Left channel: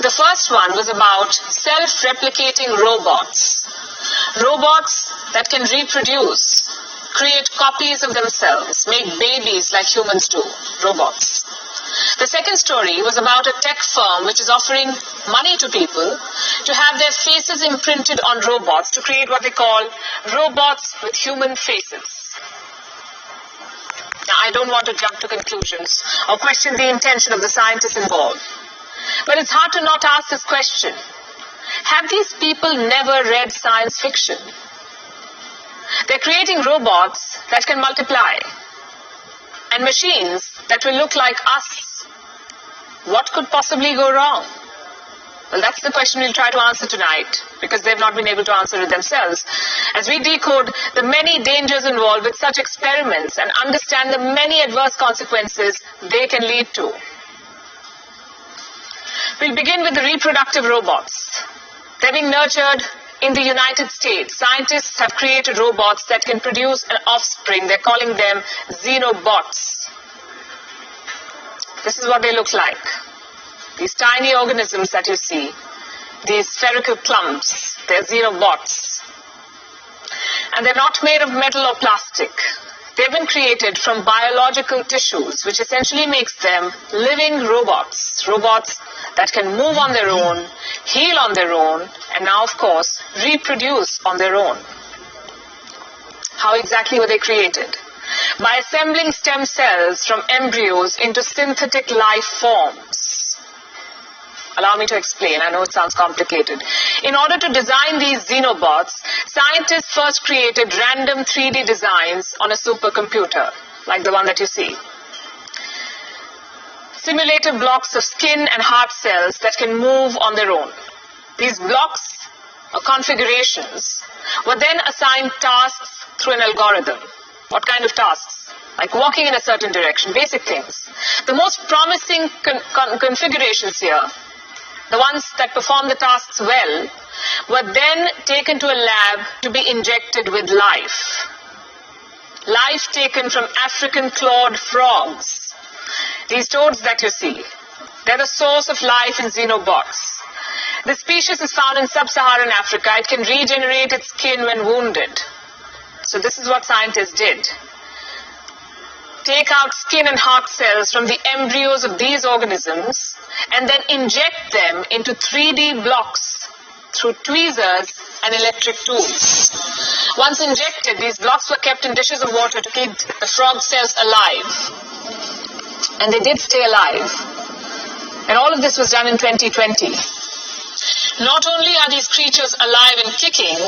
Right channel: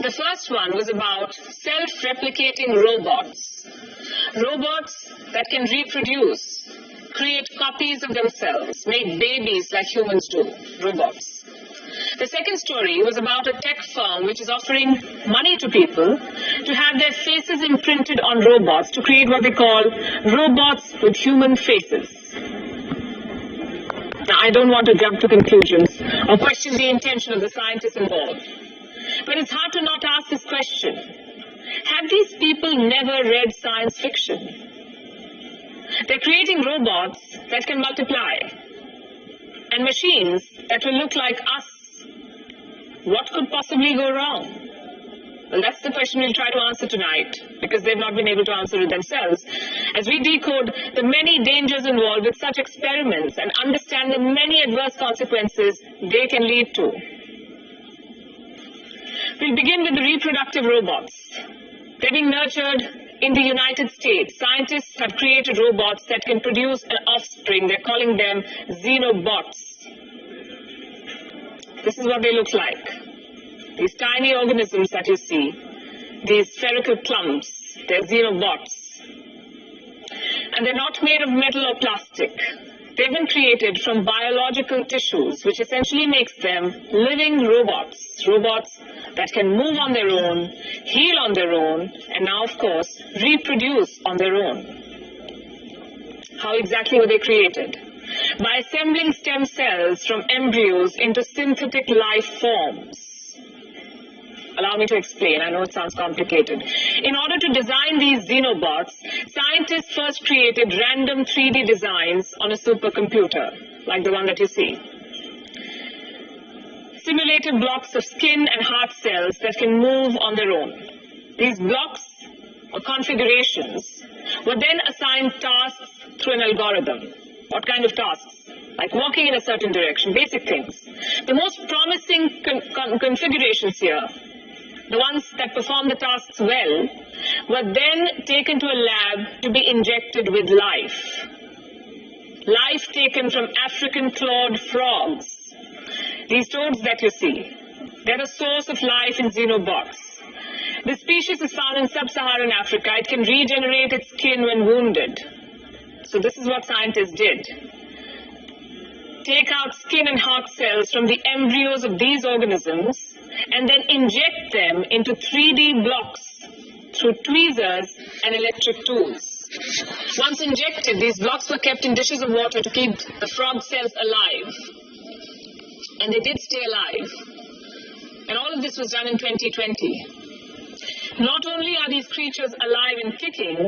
The first one was about self-replicating robots. Robots that can reproduce, create copies of themselves, make babies like humans do, robots. The second story was about a tech firm which is offering money to people to have their faces imprinted on robots to create what they call robots with human faces. Now, I don't want to jump to conclusions or question the intention of the scientists involved, but it's hard to not ask this question. Have these people never read science fiction? They're creating robots that can multiply and machines that will look like us. What could possibly go wrong? Well, that's the question we'll try to answer tonight, because they've not been able to answer it themselves, as we decode the many dangers involved with such experiments and understand the many adverse consequences they can lead to. We'll begin with the reproductive robots. They're being nurtured in the United States. Scientists have created robots that can produce an offspring. They're calling them xenobots. This is what they look like. These tiny organisms that you see, these spherical clumps, they're xenobots. And they're not made of metal or plastic. They've been created from biological tissues, which essentially makes them living robots. Robots that can move on their own, heal on their own, and now, of course, reproduce on their own. How exactly were they created? By assembling stem cells from embryos into synthetic life forms. Allow me to explain. I know it sounds complicated. In order to design these xenobots, scientists first created random 3D designs on a supercomputer, like the one that you see. Simulated blocks of skin and heart cells that can move on their own. These blocks, or configurations, were then assigned tasks through an algorithm. What kind of tasks? Like walking in a certain direction, basic things. The most promising configurations here, the ones that perform the tasks well, were then taken to a lab to be injected with life. Life taken from African clawed frogs. These toads that you see, they're the source of life in xenobots. The species is found in sub-Saharan Africa. It can regenerate its skin when wounded. So this is what scientists did. Take out skin and heart cells from the embryos of these organisms and then inject them into 3D blocks through tweezers and electric tools. Once injected, these blocks were kept in dishes of water to keep the frog cells alive. And they did stay alive. And all of this was done in 2020. Not only are these creatures alive and kicking,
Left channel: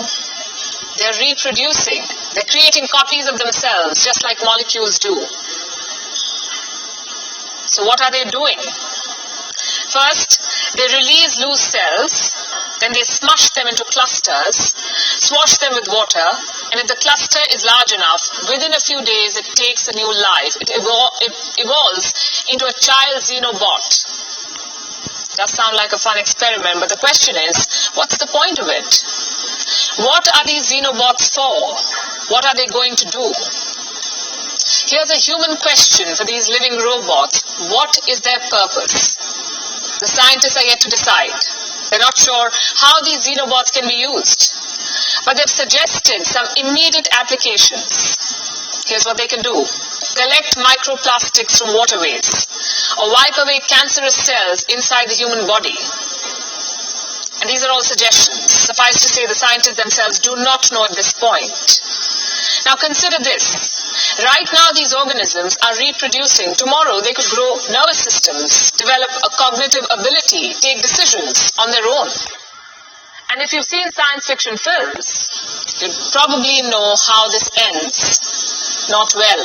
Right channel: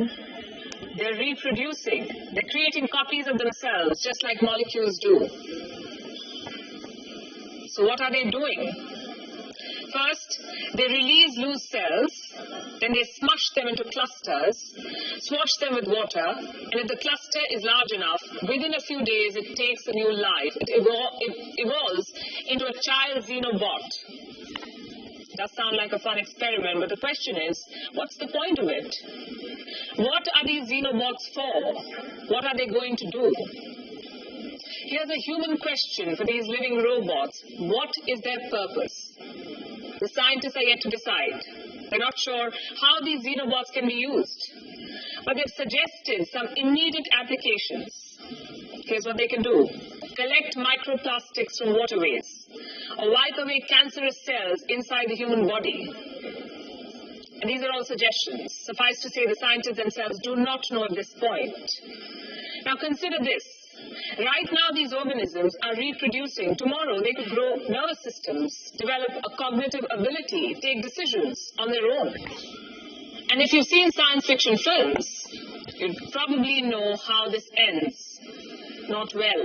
they're reproducing. They're creating copies of themselves, just like molecules do. So what are they doing? First, they release loose cells, then they smush them into clusters, swash them with water, and if the cluster is large enough, within a few days it takes a new life. It evolves into a child xenobot. Does sound like a fun experiment, but the question is, what's the point of it? What are these xenobots for? What are they going to do? Here's a human question for these living robots. What is their purpose? The scientists are yet to decide. They're not sure how these xenobots can be used, but they've suggested some immediate applications. Here's what they can do. Collect microplastics from waterways, or wipe away cancerous cells inside the human body. And these are all suggestions. Suffice to say, the scientists themselves do not know at this point. Now consider this. Right now, these organisms are reproducing. Tomorrow, they could grow nervous systems, develop a cognitive ability, take decisions on their own. And if you've seen science fiction films, you'd probably know how this ends. Not well.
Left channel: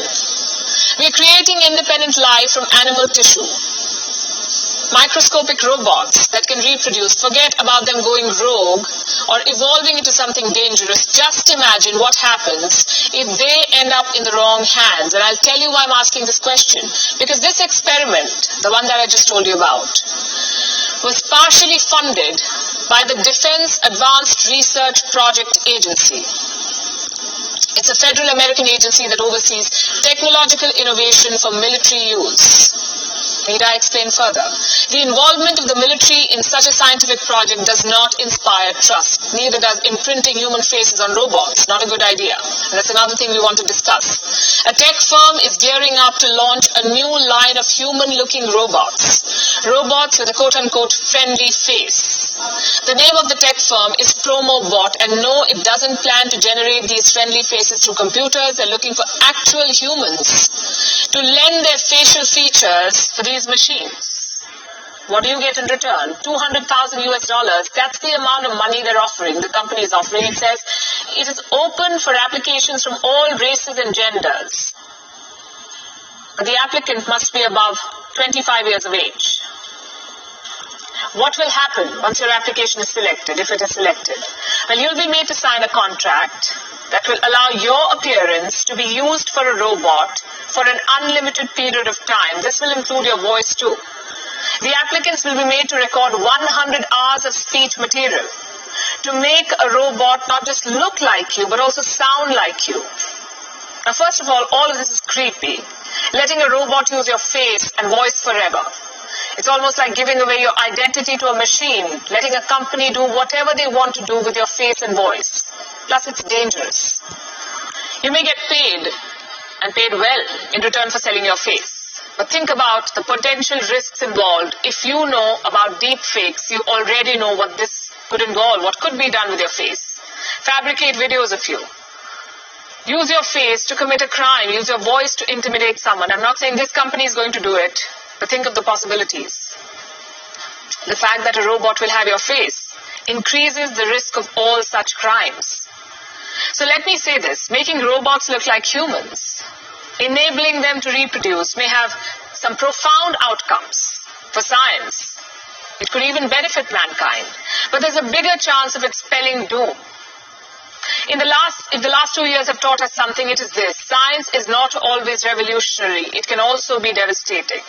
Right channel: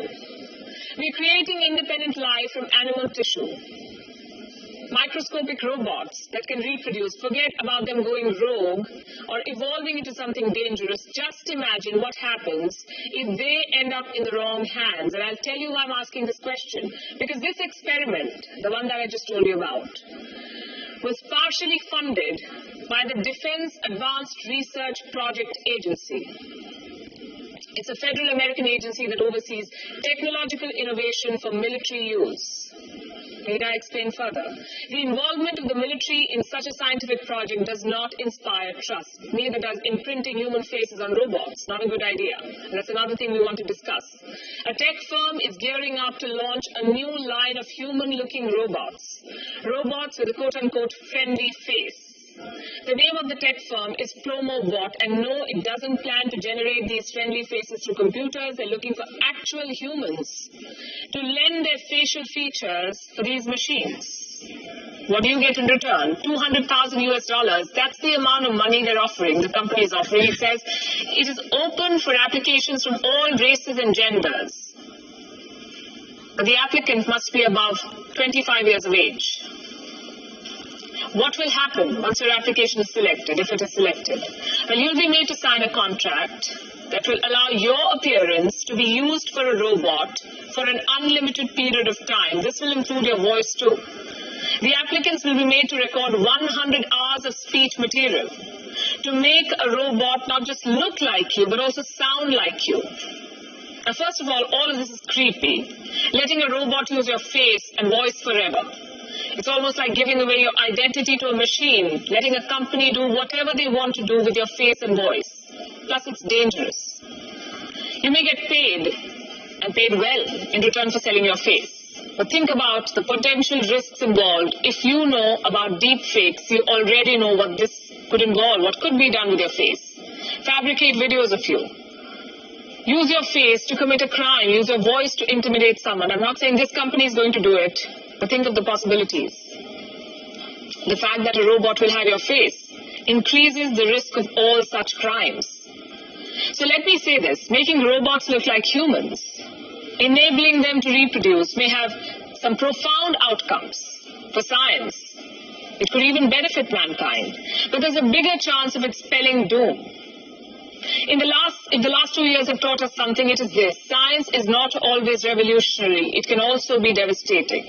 We're creating independent life from animal tissue. Microscopic robots that can reproduce. Forget about them going rogue or evolving into something dangerous. Just imagine what happens if they end up in the wrong hands. And I'll tell you why I'm asking this question. Because this experiment, the one that I just told you about, was partially funded by the Defense Advanced Research Project Agency. It's a federal American agency that oversees technological innovation for military use. Need I explain further? The involvement of the military in such a scientific project does not inspire trust. Neither does imprinting human faces on robots. Not a good idea. And that's another thing we want to discuss. A tech firm is gearing up to launch a new line of human-looking robots. Robots with a quote-unquote friendly face. The name of the tech firm is PromoBot, and no, it doesn't plan to generate these friendly faces through computers. They're looking for actual humans to lend their facial features for these machines. What do you get in return? $200,000 US. That's the amount of money they're offering. The company is offering. It says it is open for applications from all races and genders. But the applicant must be above 25 years of age. What will happen once your application is selected, if it is selected? Well, you'll be made to sign a contract that will allow your appearance to be used for a robot for an unlimited period of time. This will include your voice too. The applicants will be made to record 100 hours of speech material to make a robot not just look like you, but also sound like you. Now, first of all of this is creepy. Letting a robot use your face and voice forever. It's almost like giving away your identity to a machine, letting a company do whatever they want to do with your face and voice. Plus, it's dangerous. You may get paid, and paid well, in return for selling your face. But think about the potential risks involved. If you know about deep fakes, you already know what this could involve, what could be done with your face. Fabricate videos of you. Use your face to commit a crime. Use your voice to intimidate someone. I'm not saying this company is going to do it, but think of the possibilities. The fact that a robot will have your face increases the risk of all such crimes. So let me say this, making robots look like humans, enabling them to reproduce may have some profound outcomes for science. It could even benefit mankind, but there's a bigger chance of it spelling doom. If the last 2 years have taught us something, it is this. Science is not always revolutionary. It can also be devastating.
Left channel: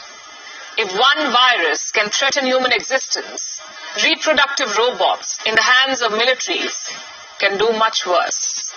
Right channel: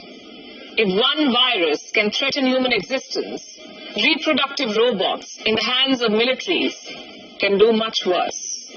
If one virus can threaten human existence, reproductive robots in the hands of militaries can do much worse.